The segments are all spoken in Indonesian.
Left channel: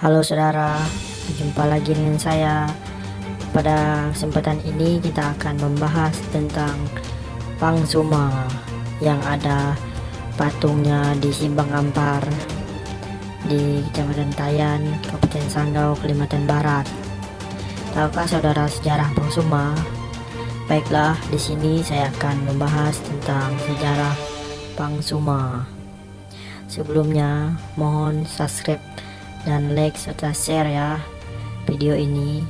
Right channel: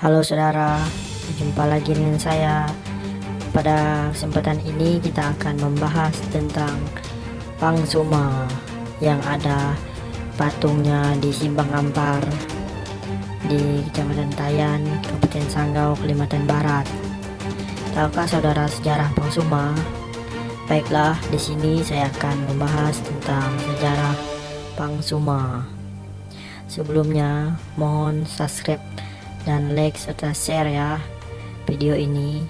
Halo saudara, jumpa lagi dengan saya. Pada kesempatan ini kita akan membahas tentang Pangsuma yang ada patungnya di Simbang Ampar di Kecamatan Tayan, Kabupaten Sanggau, Kalimantan Barat. Tahukah saudara sejarah Pangsuma? Baiklah, di sini saya akan membahas tentang sejarah Pangsuma. Sebelumnya, mohon subscribe dan like serta share ya video ini.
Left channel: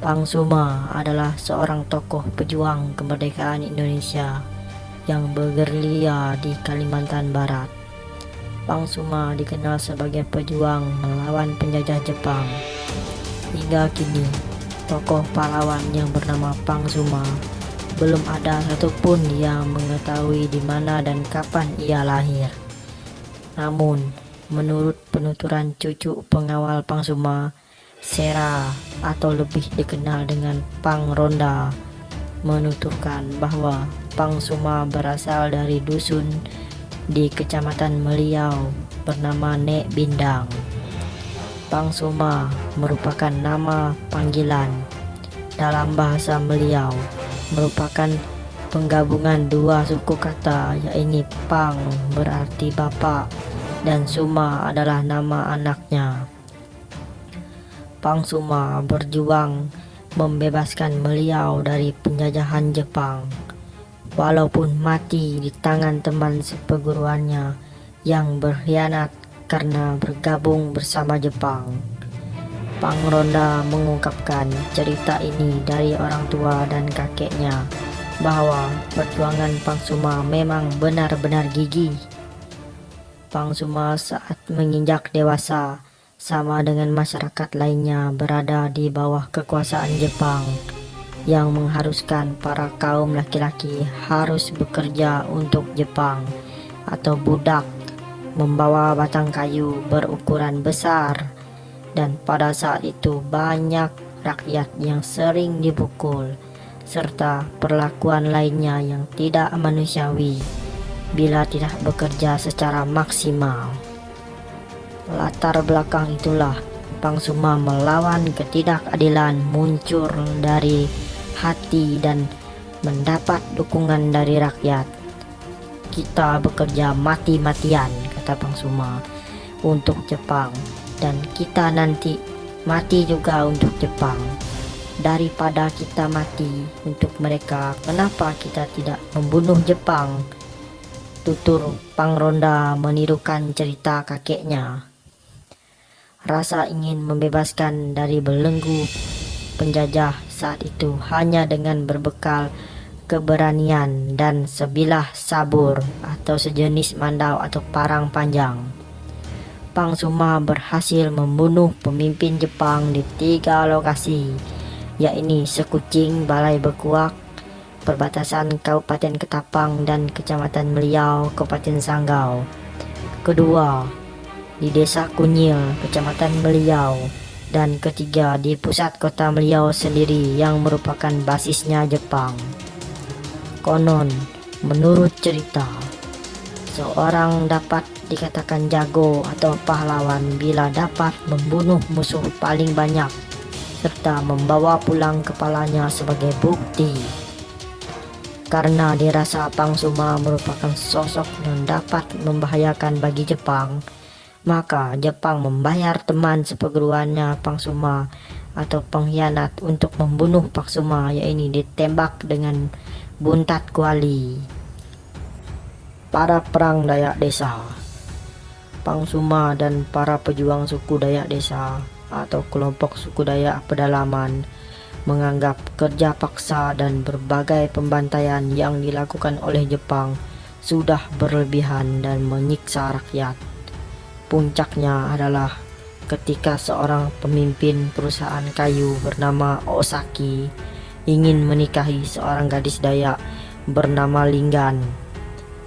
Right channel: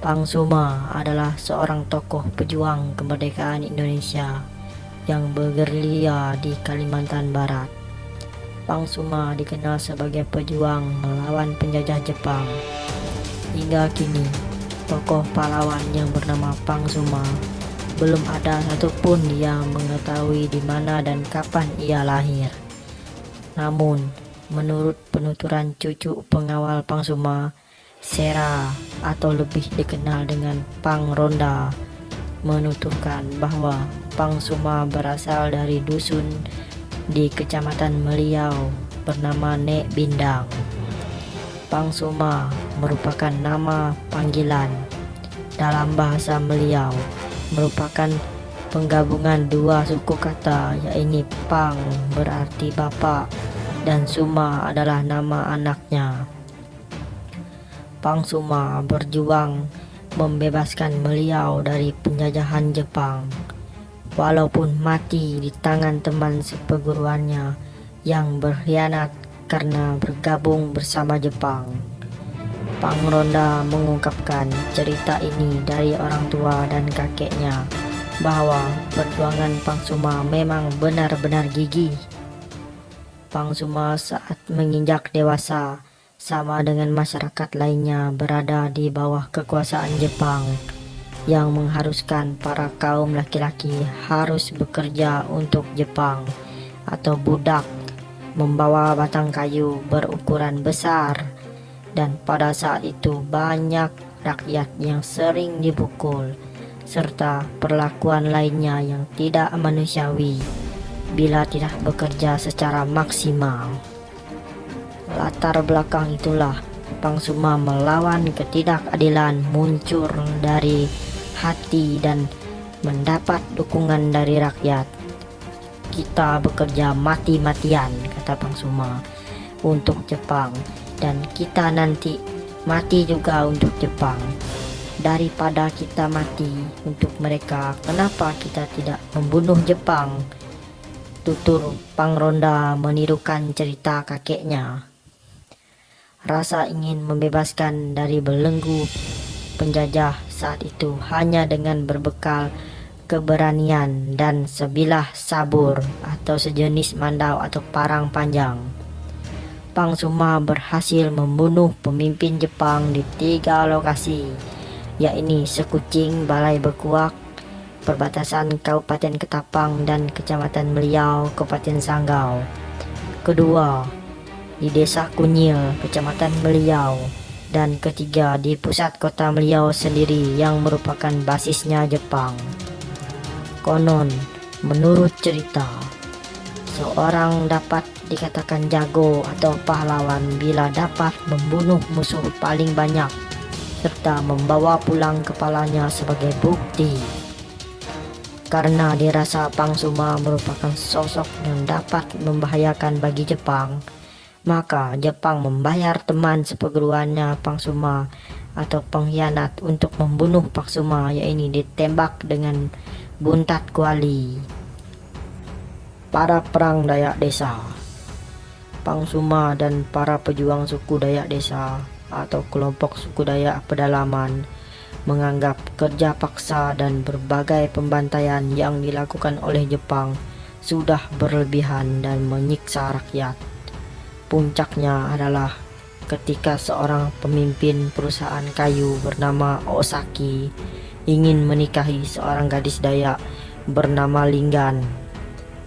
Pangsuma adalah seorang tokoh pejuang kemerdekaan Indonesia yang bergerilya di Kalimantan Barat. Pangsuma dikenal sebagai pejuang melawan penjajah Jepang. Hingga kini, tokoh pahlawan yang bernama Pangsuma belum ada satupun yang mengetahui di mana dan kapan ia lahir. Namun, menurut penuturan cucu pengawal Pangsuma, Sera atau lebih dikenal dengan Pang Ronda, menuturkan bahwa Pangsuma berasal dari dusun di Kecamatan Meliau bernama Nek Bindang. Pangsuma merupakan nama panggilan dalam bahasa Meliau, merupakan penggabungan dua suku kata, yaitu Pang berarti bapak dan Suma adalah nama anaknya. Pangsuma berjuang membebaskan Meliau dari penjajahan Jepang, walaupun mati di tangan teman seperguruannya yang berkhianat karena bergabung bersama Jepang. Pang Ronda mengungkapkan cerita ini dari orang tua dan kakeknya, bahwa perjuangan Pangsuma memang benar-benar gigih. Pangsuma saat menginjak dewasa, sama dengan masyarakat lainnya, berada di bawah kekuasaan Jepang yang mengharuskan para kaum laki-laki harus bekerja untuk Jepang atau budak, membawa batang kayu berukuran besar, dan pada saat itu banyak rakyat yang sering dipukul serta perlakuan lainnya yang tidak manusiawi bila tidak bekerja secara maksimal. Latar belakang itulah Pangsuma melawan ketidakadilan muncul dari hati dan mendapat dukungan dari rakyat. Kita bekerja mati-matian, kata Pangsuma, untuk Jepang, dan kita nanti mati juga untuk Jepang. Daripada kita mati untuk mereka, kenapa kita tidak membunuh Jepang? Tutur Pang Ronda menirukan cerita kakeknya. Rasa ingin membebaskan dari belenggu penjajah saat itu hanya dengan berbekal keberanian dan sebilah sabur atau sejenis mandau atau parang panjang. Pangsuma berhasil membunuh pemimpin Jepang di 3 lokasi, yaitu Sekucing, Balai Bekuak, perbatasan Kabupaten Ketapang, dan Kecamatan Meliau, Kabupaten Sanggau. Kedua, di Desa Kunyil, Kecamatan Meliau, dan ketiga di pusat kota Meliau sendiri yang merupakan basisnya Jepang. Konon, menurut cerita, seorang dapat dikatakan jago atau pahlawan bila dapat membunuh musuh paling banyak serta membawa pulang kepalanya sebagai bukti. Karena dirasa Pangsuma merupakan sosok yang dapat membahayakan bagi Jepang, maka Jepang membayar teman seperguruannya Pangsuma atau pengkhianat untuk membunuh Pangsuma, yaitu ditembak dengan buntat kuali. Para perang Dayak Desa. Pangsuma dan para pejuang suku Dayak Desa atau kelompok suku Dayak pedalaman menganggap kerja paksa dan berbagai pembantaian yang dilakukan oleh Jepang sudah berlebihan dan menyiksa rakyat. Puncaknya adalah ketika seorang pemimpin perusahaan kayu bernama Osaki ingin menikahi seorang gadis Dayak bernama Linggan,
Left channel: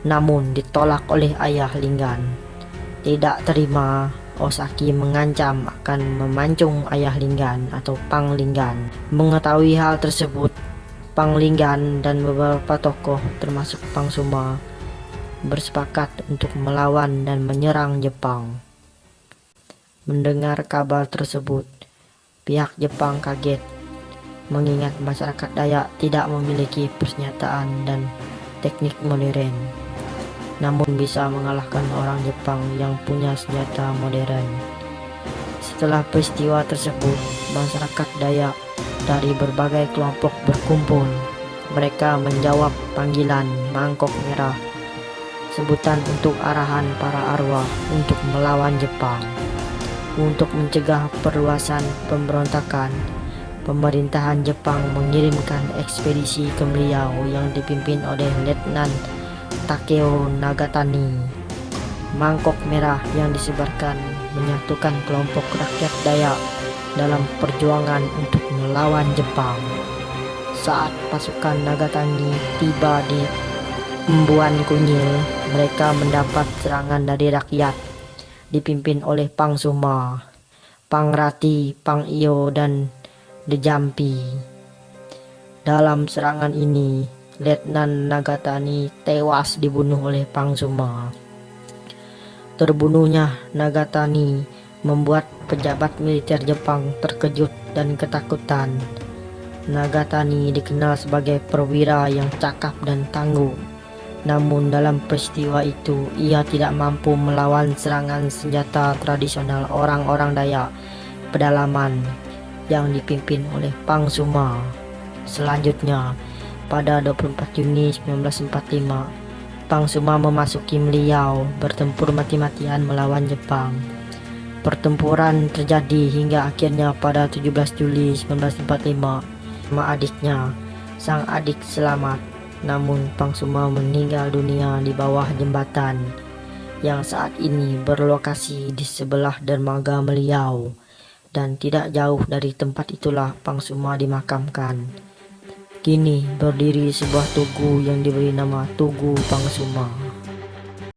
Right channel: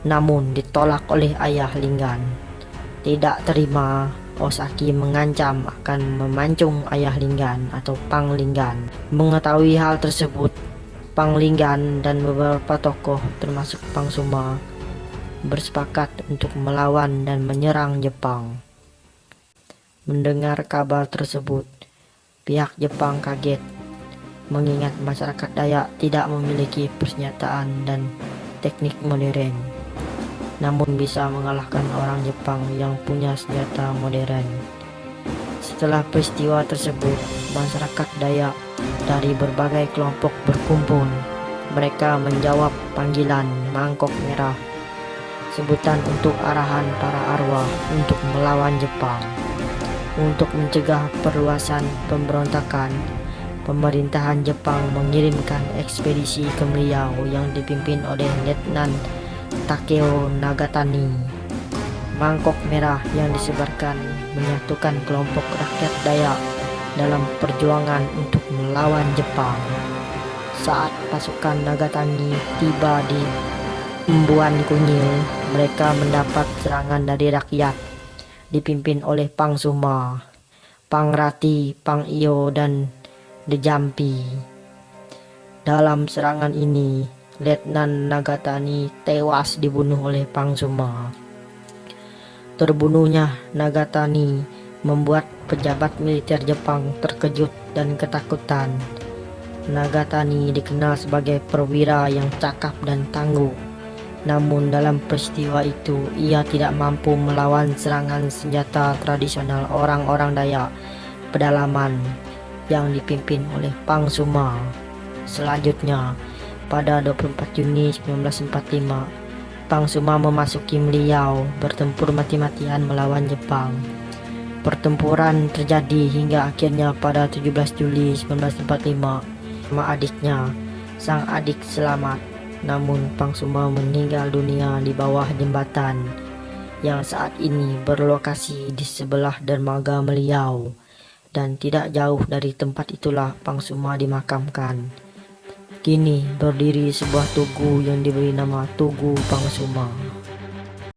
namun ditolak oleh ayah Linggan. Tidak terima, Osaki mengancam akan memancung ayah Linggan atau Pang Linggan. Mengetahui hal tersebut, Pang Linggan dan beberapa tokoh termasuk Pangsuma bersepakat untuk melawan dan menyerang Jepang. Mendengar kabar tersebut, pihak Jepang kaget, mengingat masyarakat Dayak tidak memiliki persenjataan dan teknik modern, namun bisa mengalahkan orang Jepang yang punya senjata modern. Setelah peristiwa tersebut, masyarakat Dayak dari berbagai kelompok berkumpul. Mereka menjawab panggilan Mangkok Merah, sebutan untuk arahan para arwah untuk melawan Jepang. Untuk mencegah perluasan pemberontakan, pemerintahan Jepang mengirimkan ekspedisi ke beliau yang dipimpin oleh Letnan Takeo Nagatani. Mangkok Merah yang disebarkan menyatukan kelompok rakyat Dayak dalam perjuangan untuk melawan Jepang. Saat pasukan Nagatani tiba di Embuan Kunyil, mereka mendapat serangan dari rakyat dipimpin oleh Pang Suma, Pang Rati, Pang Iyo, dan Dejampi. Dalam serangan ini, Letnan Nagatani tewas dibunuh oleh Pang Suma. Terbunuhnya Nagatani membuat pejabat militer Jepang terkejut dan ketakutan. Nagatani dikenal sebagai perwira yang cakap dan tangguh. Namun dalam peristiwa itu, ia tidak mampu melawan serangan senjata tradisional orang-orang Dayak pedalaman yang dipimpin oleh Pang Suma. Selanjutnya, pada 24 Juni 1945, Pang Suma memasuki Meliau bertempur mati-matian melawan Jepang. Pertempuran terjadi hingga akhirnya pada 17 Juli 1945 sama adiknya. Sang adik selamat, namun Pang Suma meninggal dunia di bawah jembatan yang saat ini berlokasi di sebelah dermaga Meliau, dan tidak jauh dari tempat itulah Pang Suma dimakamkan. Kini berdiri sebuah tugu yang diberi nama Tugu Pang Suma.